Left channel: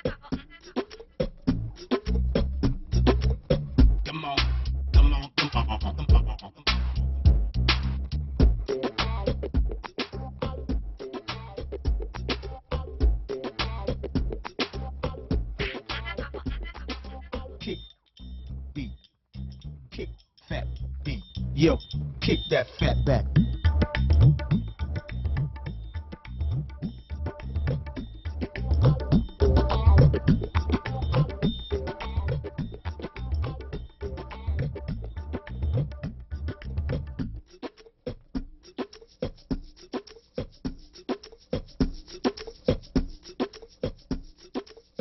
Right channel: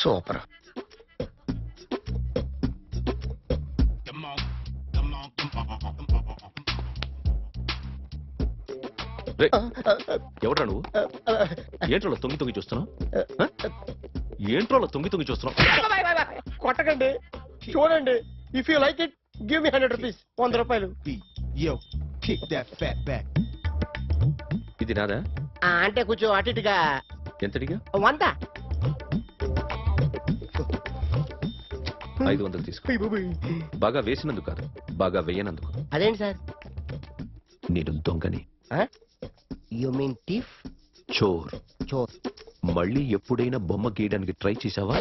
Super. ఎవరా నువ్వు? ఏంట్రోలో తొంగి చూస్తావు? ఏంట్రోలో తొంగి చూస్తున్నావు? కొట్టకండి, చూడండి. If you like it give me 100 rupees. 100 రూపాయలు. ఇది నాదా? అంటే కొంచెం అటు ఇటుగా. ఎంతడిగా? 100. 500 తీసుకో. బాగా వేసినందుకు కాదు, బాగా వేయనందుకు. అదేంటి సార్? నేను దొంగని. You mean thief? చోర్. చోర్. మళ్ళీ ఎప్పుడైనా బొమ్మ గీయడానికి ట్రై చేసావా?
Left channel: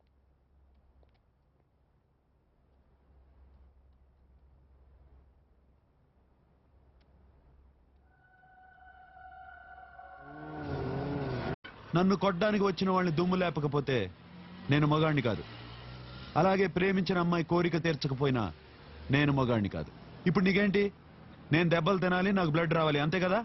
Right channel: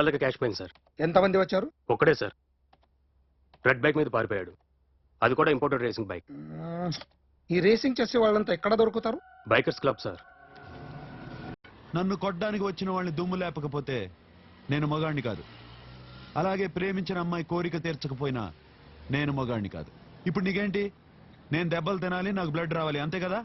₹1 క్యాష్ పోయింది సార్. ఎంతమంది వచ్చారు? ఒక్కడే సార్. రెడ్ బైక్ మీద పారిపోయాడు. అది కూడా ఇంపోర్టెడ్ రేసింగ్ బైక్. ఈ రేసింగ్ చేసే వాళ్ళంతా ఎక్కడ దొరుకుతారు? Bikers club sir. నన్ను కొట్టడానికి వచ్చిన వాళ్ళని దుమ్ము లేపకపోతే నేను మగాణ్ణి కాదు. అలాగే ప్రేమించిన అమ్మాయి కోరిక తీర్చకపోయినా నేను మగాణ్ణి కాదు. ఇప్పుడు నీకేంటి? నేను దెబ్బలు తినాలి, నాకు బ్లడ్ రావాలి, అంతే కదా?